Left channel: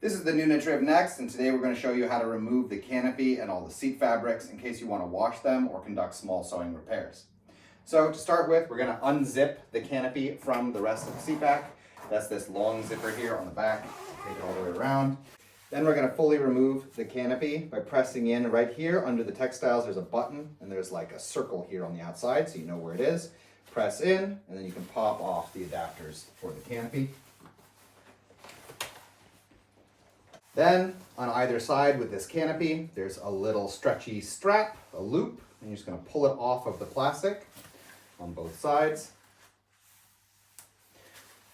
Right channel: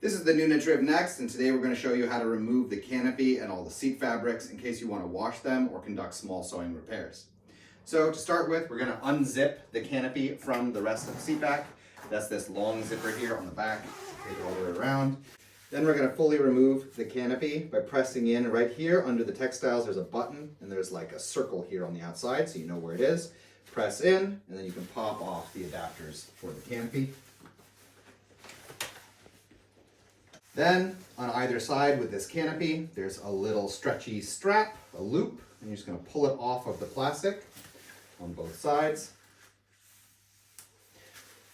This is the Nuna Triv Next, and today we're going to show you how to remove the canopy and all the seat fabrics in case you want to wash them or conduct small sewing repairs. So to start with, we're going to unzip the canopy from the rest of the seat back. That's this long zipper here on the back. Take it all the way around. Then we're going to fully remove the canopy by pressing in right here under the textiles. There's a button and there's like a circle here on the outside so you know where it is. Press in and then you can pop off the adapters for the canopy. Then on either side with this canopy, there's a little stretchy strap, a loop, and you're just going to pull it off of the plastic on both sides.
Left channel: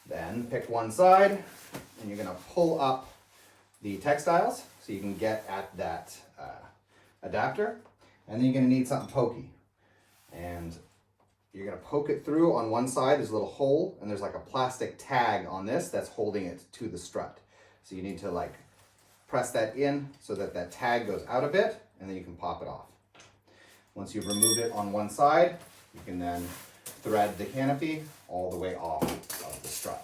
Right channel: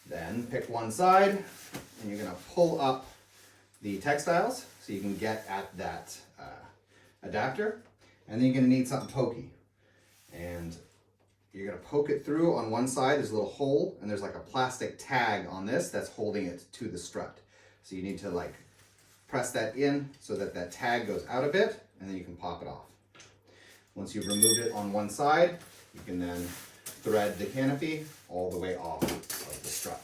Then pick one side and you're going to pull up the textiles so you can get at that adapter. And then you're going to need something pokey. And you're going to poke it through on one side. There's a little hole and there's like a plastic tag on this that's holding it to the strut. So you need to like press that in so that that tag goes out a bit, and then you can pop it off. Once you've removed it on one side, you can then thread the canopy all the way off of the strut.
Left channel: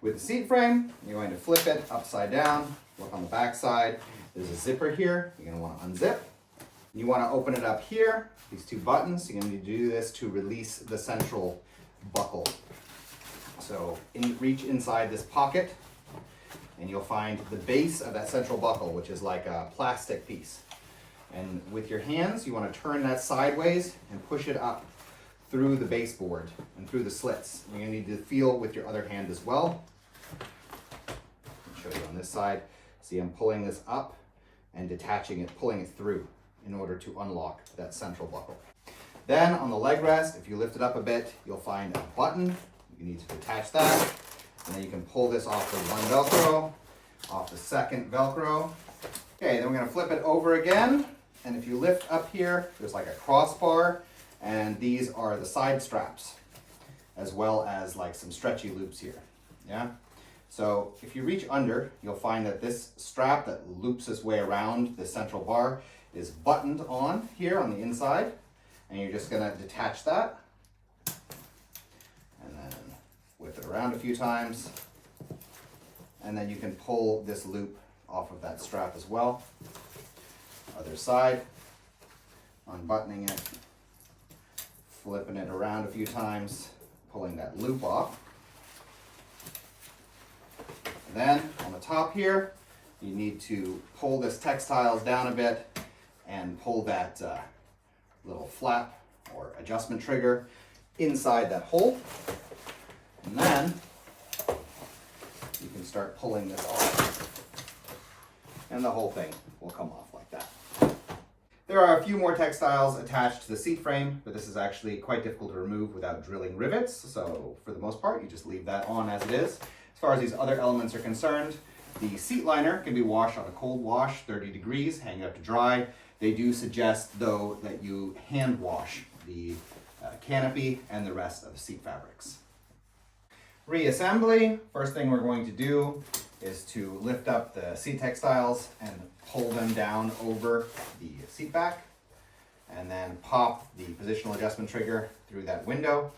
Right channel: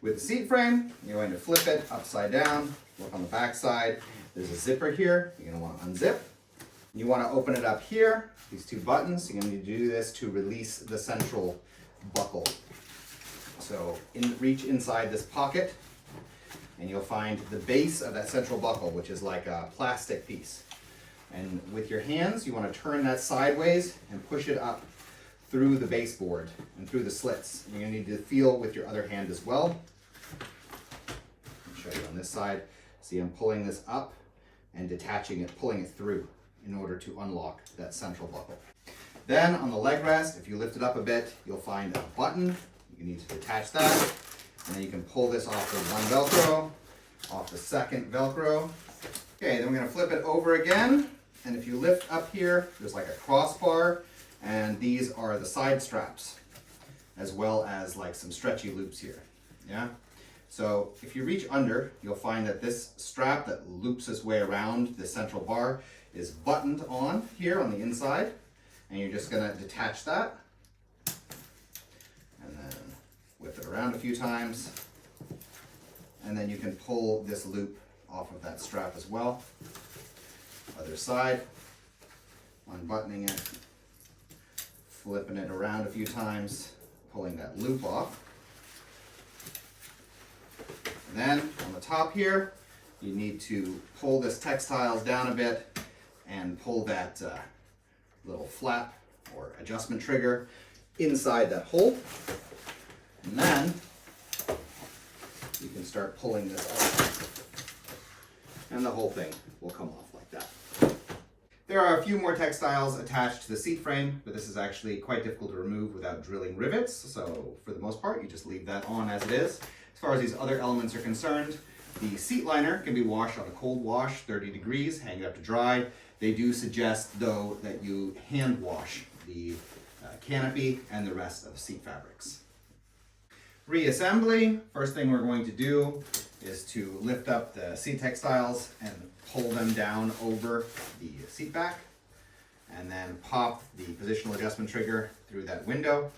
With the seat frame, you're going to flip it upside down. Look on the back side. There's a zipper here. You're going to want to unzip. You want to open it up here, these two buttons. You're going to need to do this to release the central buckle. So reach inside this pocket, and you'll find the base of that central buckle, which is like a plastic piece. And with your hands, you want to turn that sideways and push it up through the baseboard and through the slits. And you're going to need to feel with your other hand as well. I'll show you on this side. See, I'm pulling this up and detaching it, pulling it through in order to unlock that central buckle. Then on the leg rest, if you lift it up a bit, you'll find a button. You need to detach that. And then you can pull this off the one Velcro, off the second Velcro. Okay, then we're going to flip it over again. And if you lift up here, there's like a crossbar, and these are the side straps, as well as like some stretchy loops here. Yeah. So if you reach under, you'll find that this strap that loops its way around the central bar is buttoned on here on the inside, and you're just going to detach that. Whip it around a few times, and then you can pull this loop off of that strap as well. Other side, unbuttoning it, flipping it around a few times, pulling that loop off. And then on the top here, you need to pull this textiles down a bit and pull that little flap or adjustment trigger inside that hole. And then you can start pulling this off, and the whole thing will come off like that. There are a few more textiles attached to the seat frame, but this is actually quite difficult to remove without drilling rivets. So for the most part, you just leave that on as it is. As far as these other elements are concerned, the seat liner can be washed on a cold wash, 30 degrees, hang it up to dry. They do suggest, though, that you hand wash the canopy and the rest of the seat fabrics. Reassembly, first thing we're going to do is to lift up the seat textiles and pull them down over the seat back, and then pop the positional adjustment trigger through that window.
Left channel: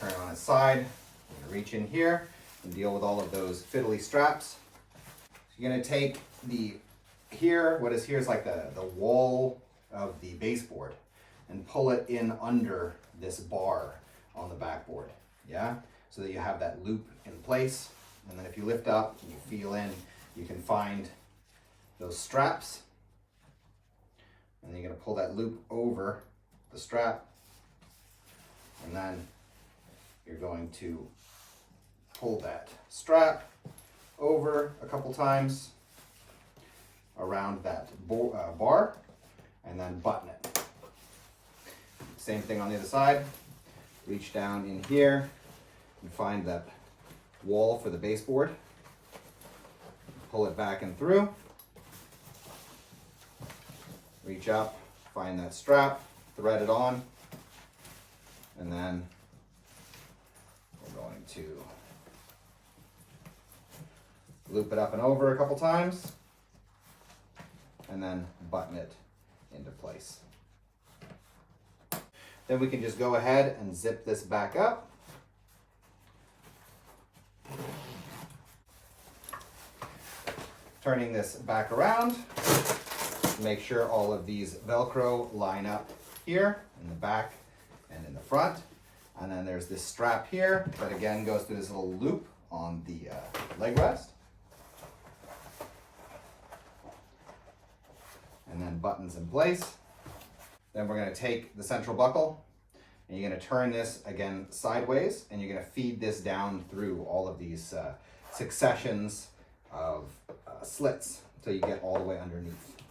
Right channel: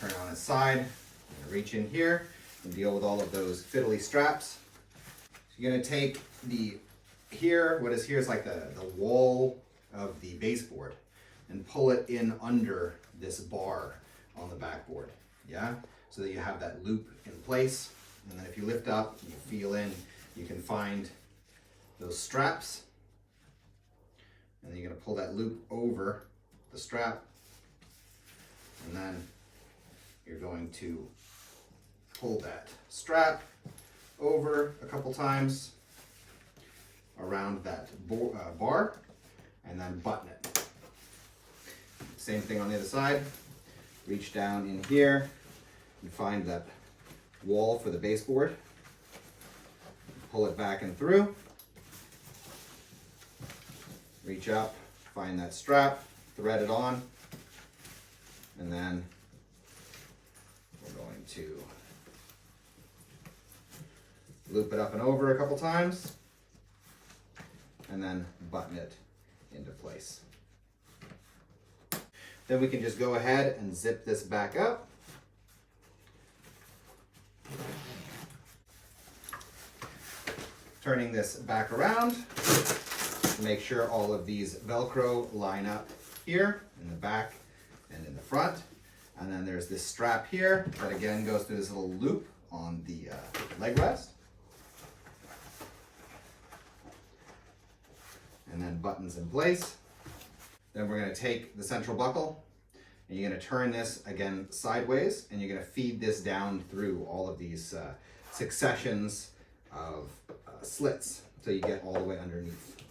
Turn it on its side, and reach in here and deal with all of those fiddly straps. So you're going to take what is here is like the wall of the baseboard, and pull it in under this bar on the backboard. Yeah? So that you have that loop in place. And then if you lift up and you feel in, you can find those straps. And then you're going to pull that loop over the strap. And then you're going to pull that strap over a couple times around that bar, and then button it. Same thing on the other side. Reach down in here and find that wall for the baseboard. Pull it back and through. Reach up, find that strap, thread it on, and then we're going to loop it up and over a couple times, and then button it into place. Then we can just go ahead and zip this back up. Turning this back around, make sure all of these Velcro line up here in the back and in the front. And then there's this strap here that again goes through this little loop on the leg rest. And then buttons in place. Then we're going to take the central buckle and you're going to turn this again sideways and you're going to feed this down through all of these successions of slits until you get all the way underneath.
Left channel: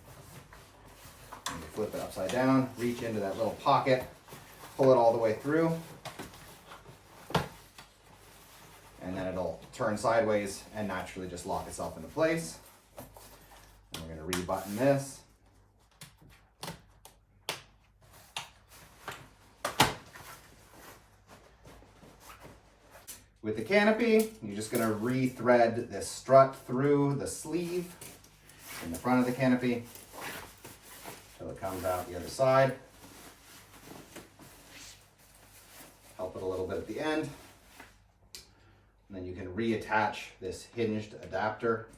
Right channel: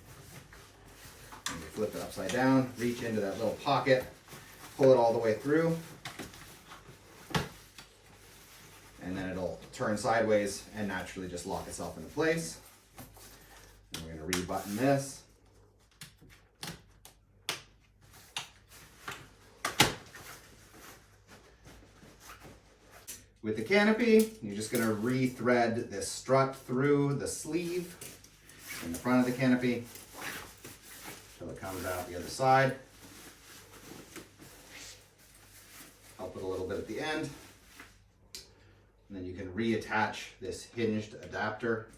And you flip it upside down, reach into that little pocket, pull it all the way through, and then it'll turn sideways and naturally just lock itself into place. And we're going to re-button this. With the canopy, you're just going to re-thread this strut through the sleeve in the front of the canopy until it comes out the other side. Help it a little bit at the end. And then you can reattach this hinged adapter.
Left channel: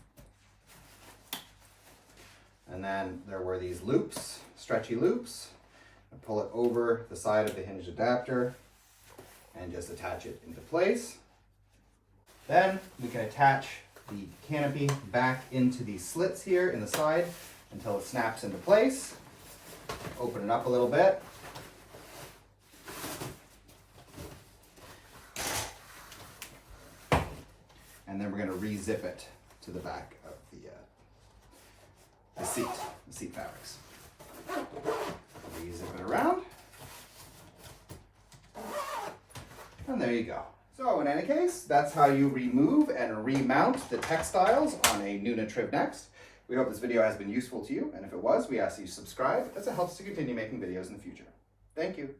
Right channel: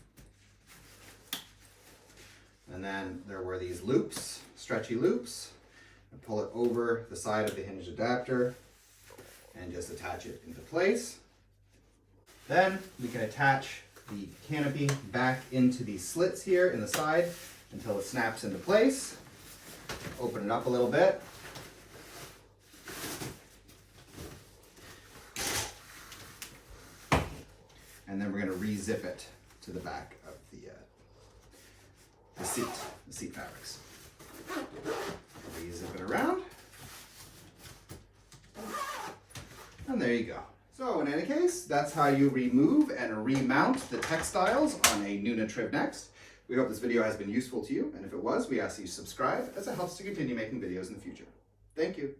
And then there were these loops, stretchy loops. And pull it over the side of the hinged adapter and just attach it into place. Then we can attach the canopy back into these slits here in the side until it snaps into place. Open it up a little bit. And then we're going to re-zip it to the back of the seat fabrics. Re-zip it around. And there you go. So in any case, that's how you remove and remount the textiles on a Nuna Triv Next. We hope this video has been useful to you, and if it was, we ask that you subscribe as it helps to continue making videos in the future. Thank you.